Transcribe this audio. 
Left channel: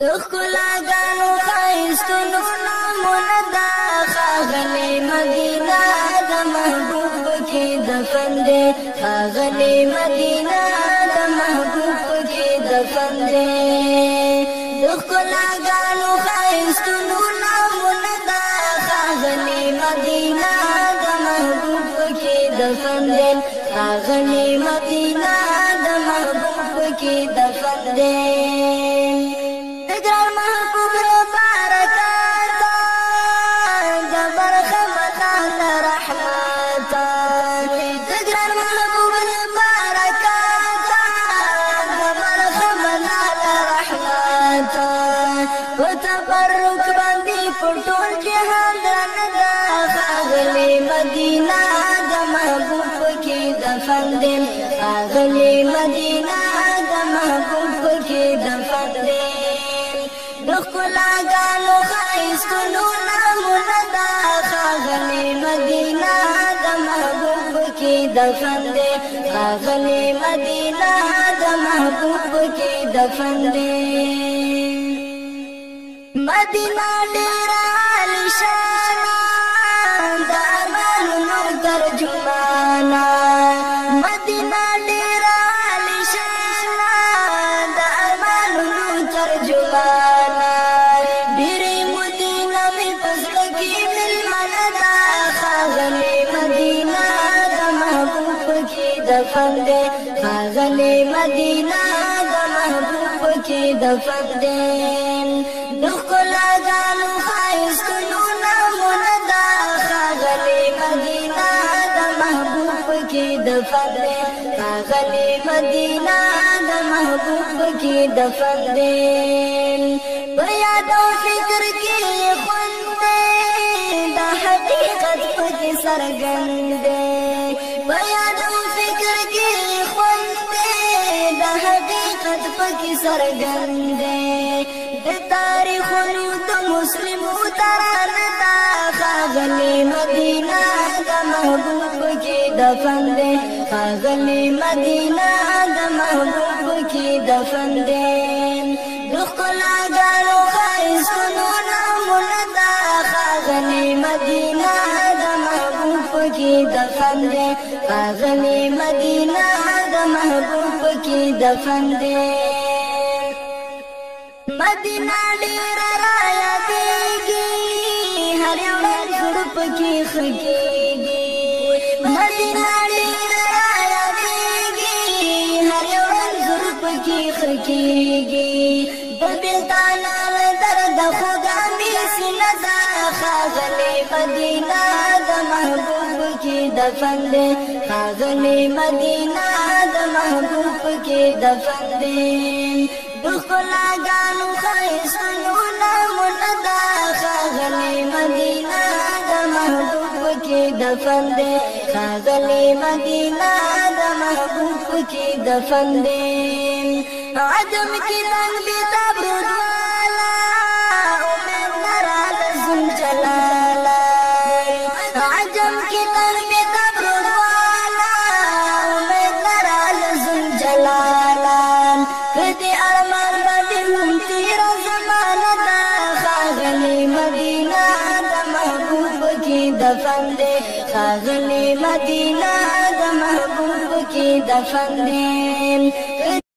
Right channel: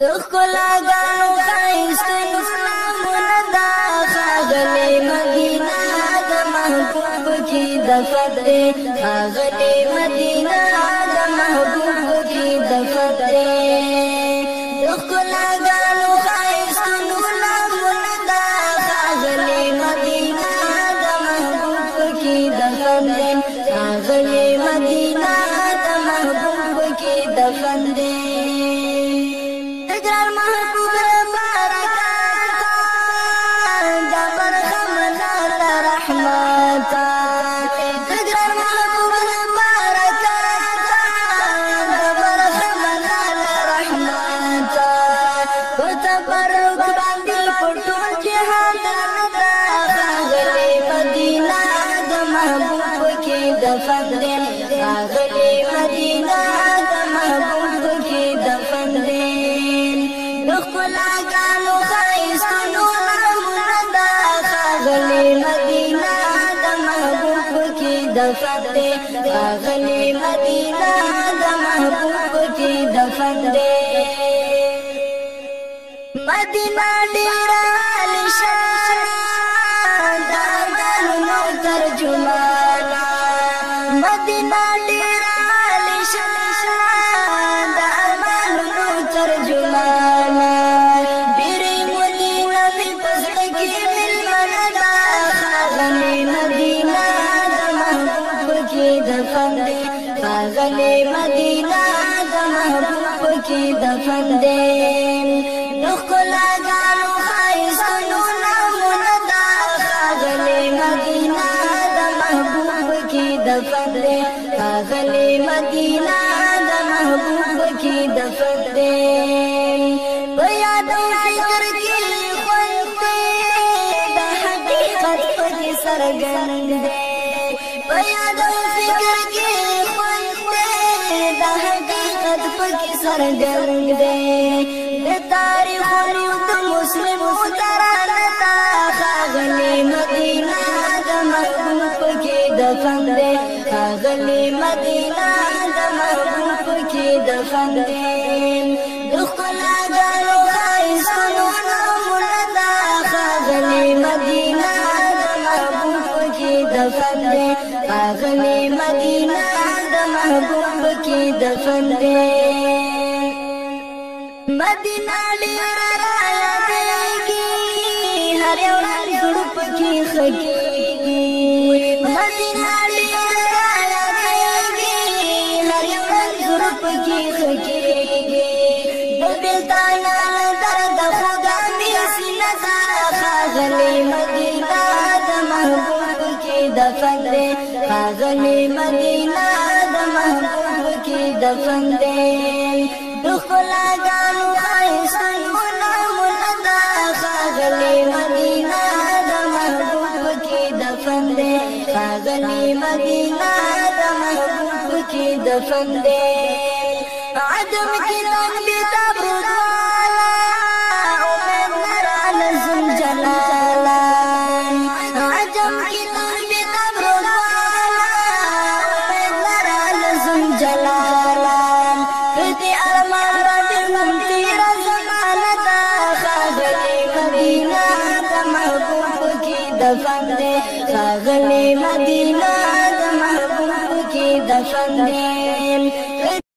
تخلا گانو خایستونو نامونه دا خاغلی مدینه د محبوب کی دفن دی خاغلی مدینه د محبوب کی دفن دی تخلا گانو خایستونو نامونه دا خاغلی مدینه د محبوب کی دفن دی خاغلی مدینه د محبوب کی دفن دی خاغلی مدینہ د محبوب کی دفن دی دخلا گانو خایستونو نامونه دا خاغلی مدینہ د محبوب کی دفن دی خاغلی مدینہ د محبوب کی دفن دی مدینہ ډیر عالیشان د ارمانونو ترجمانا مدینہ ډیر عالیشان د ارمانونو ترجمانا ډیر مدینہ می پزړه کې ملمنه ده خاغلی مدینہ د محبوب کی دفن دی خاغلی مدینہ د محبوب کی دفن دی دخلا گانو خایستونو نامونه دا خاغلی مدینہ د محبوب کی دفن دی خاغلی مدینہ د محبوب کی دفن دی په یاد او فکر کې خوند دی د حقیقت پکې څرګند دی په یاد او فکر کې خوند دی د حقیقت پکې څرګند دی د تاریخونو د مسلمو ترانه دا خاغلی مدینہ د محبوب کی دفن دی خاغلی مدینہ د محبوب کی دفن دی دخلا گانو خایستونو نامونه دا خاغلی مدینہ د محبوب کی دفن دی خاغلی مدینہ د محبوب کی دفن دی مدینہ ډیر رایادېږي هر یو زړه پکې خږېږي مدینہ ډیر رایادېږي هر یو زړه پکې خږېږي د بېلتانه درد خدا مې سینه ده خاغلی مدینہ د محبوب کی دفن دی خاغلی مدینہ د محبوب کی دفن دی دخلا گانو خایستونو نامونه دا خاغلی مدینہ د محبوب کی دفن دی خاغلی مدینہ د محبوب کی دفن دی عدم کی لن بیتاب رضوالا امید نرال زم جلالا عجم کی لن بیتاب رضوالا امید نرال زم جلالا فردی خاغلی مدینہ د محبوب کی دفن دی